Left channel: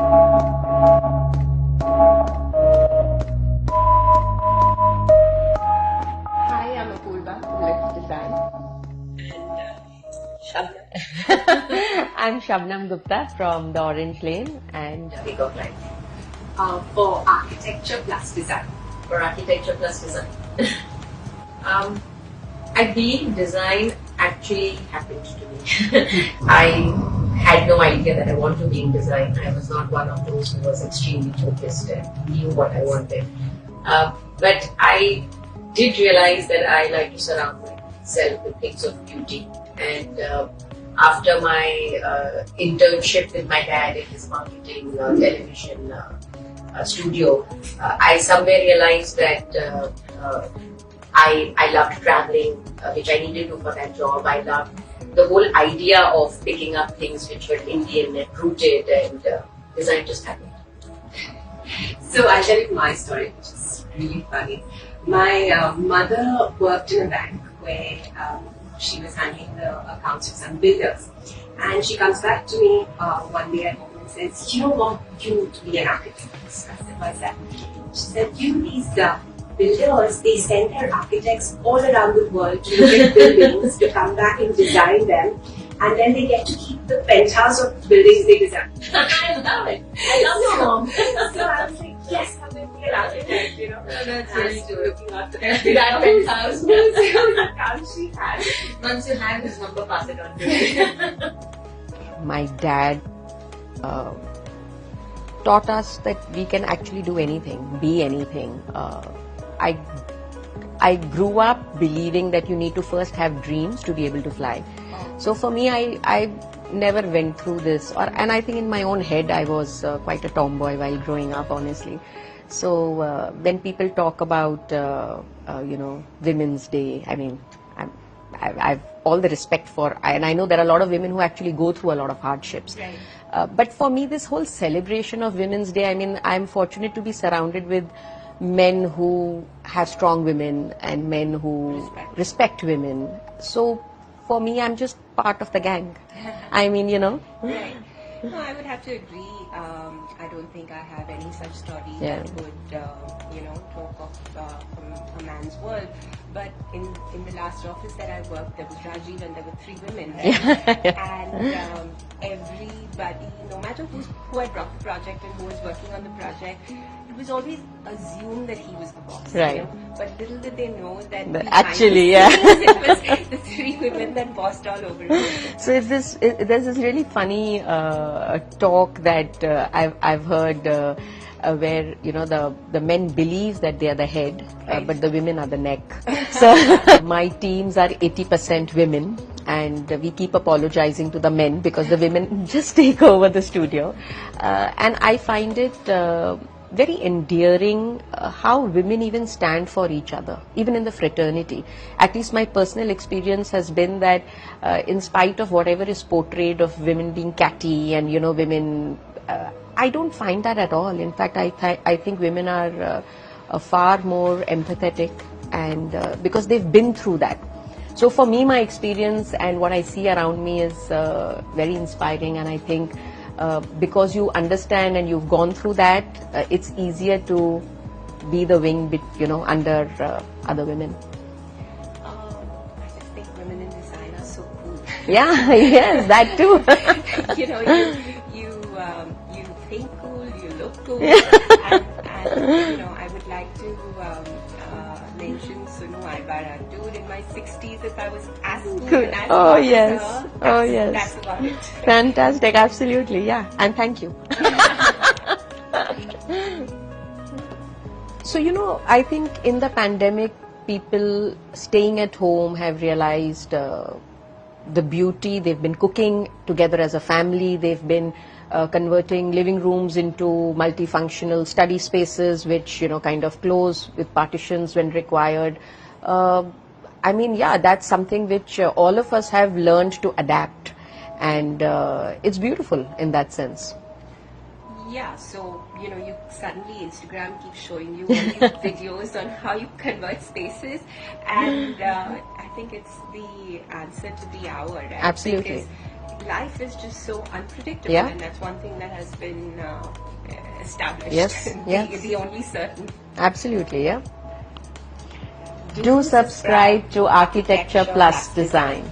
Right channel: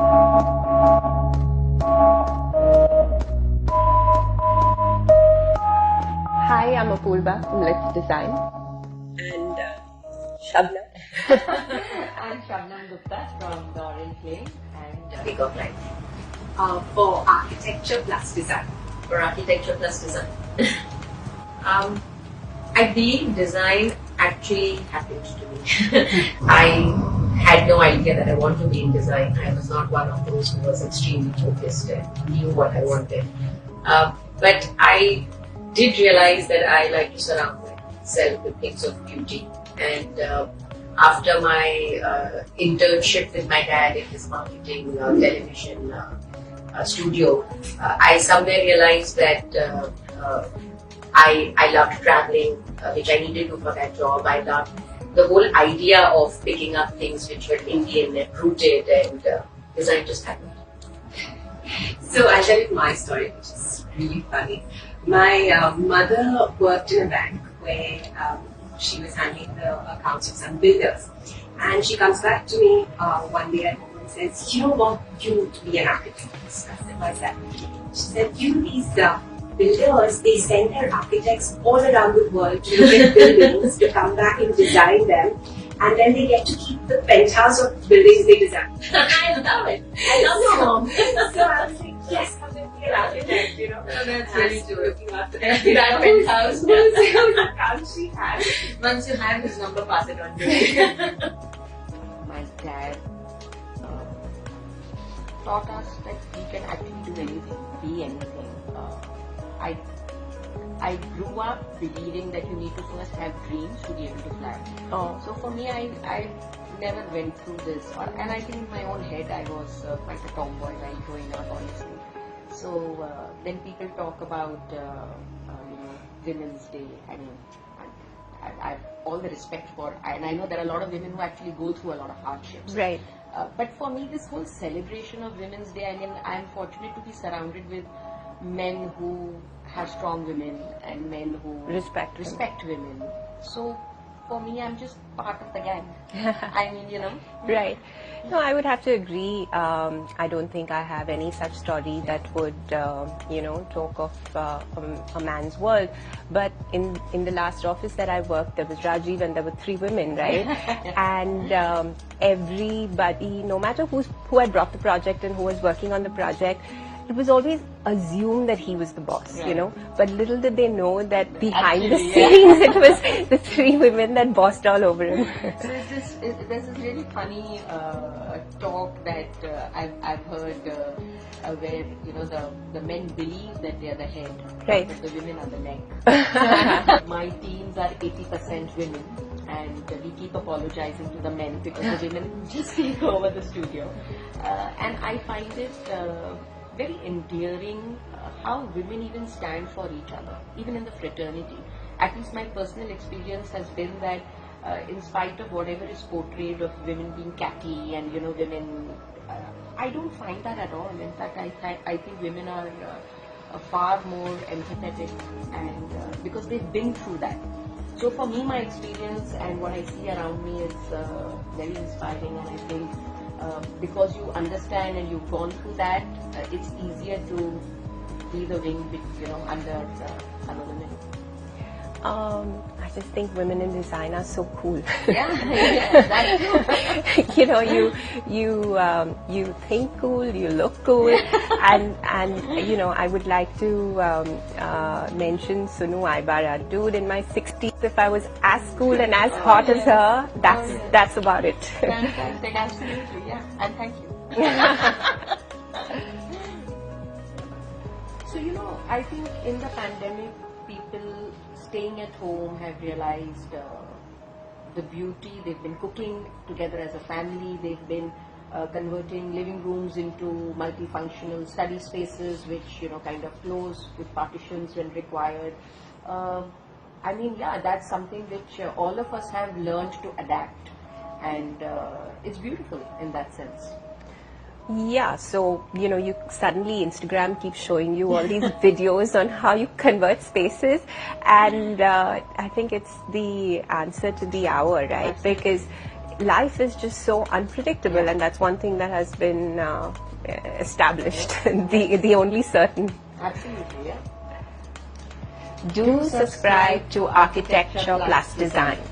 Hi, I'm Apoorva from Lyth Design. And Shabnam. I'm Shabnam Gupta from the Orange Lane and Peacock Life. For architecture plus design. For architecture plus design. I believe design actually happened to me. I had no idea that I want to be in design. I was not one of those who was extremely focused and knew what I wanted. But I did realize that I like to surround myself with things of beauty. And after my internship with my dad in his marketing television studio, I somewhere realized that I loved traveling, which I needed to for that job. I loved the whole idea of picking up things which were Indian and rooted, and design just happened. So I'll tell you my story, which is really funny. My mother worked in a bank where she was handling the accounts of some builders. And she comes back to me one day at home and says, "You know what, you need to be an architect." I said, "What's that?" She said, these builders, they send their architects all around the world to look at buildings, to come back and design them, and then they get to keep the penthouse of buildings they design." I love it. I love your mom. So I was like, yes, I'm going to be an architect, you know. That's really true. looking after That penthouse. the account she had. Once you have his number, pass it on to me. my dad taught us that we can actually do anything, be anything. I grew up believing that you need to first have dreams to be able to fly. So for me, I never went through this, and I think in my own head I was quite a tomboy while growing up, honestly. So when people talk about Women's Day, I mean, I've all the respect for, and I know there are a lot of women who actually go through a lot of hardships. Right. But for me, this whole celebration of Women's Day, I mean, I'm fortunate to be surrounded with men who have strong women and men who respect women. So for me, I'm just part of the gang. I mean, Right. No, I would have to agree. I don't think I have any such story that would, talk of a man's world. But in the last office that I worked, there was Rajiv and there were 3 women, right? And everybody, no matter who had brought the project and who was working on the project, it was always assumed that he was the boss, right. But little did they know that behind actually, the scenes, it was the 3 women that bossed all over him. So there's this really funny talk that I've heard where the men believe that they are the head, right. But the women are the neck. So my teams are 80% women, and we keep apologizing to the men because the women just take over the studio, and I find it very endearing how women even stand for each other, even in the fraternity. At least my personal experience has been that in spite of whatever is portrayed of women being catty and women, I don't find that at all. In fact, I think women are far more empathetic, and because they've been through that. So for me, my experience and what I see around me is very inspiring, and I think because you understand and you've gone through that, it's easier to be the wing, under other women. I just think women in design are so cool. Yeah, yes, that too. You think cool, you look cool, and I would like to mention Sunu Aibara, dude. In my 60s, if I was as cool and as hot as her, that's about it. Fantastic, absolutely, yeah, and thank you. So I think in the pandemic, people staying at home have realized the beauty. They've been cooking together as a family. They've been converting living rooms into multifunctional study spaces, which kind of close with partitions when required. I mean, yeah, that's something which all of us have learned to adapt, and it's beautiful in that sense. Yeah, so you suddenly Instagram keeps showing you all these videos on how you convert spaces, and I think it's the answer to the hour, right? Absolutely. Because life is just so unpredictable, Yeah. and that's one thing that has been established. Yes, The only certain. Absolutely, yeah. Do subscribe to Architecture Plus Design.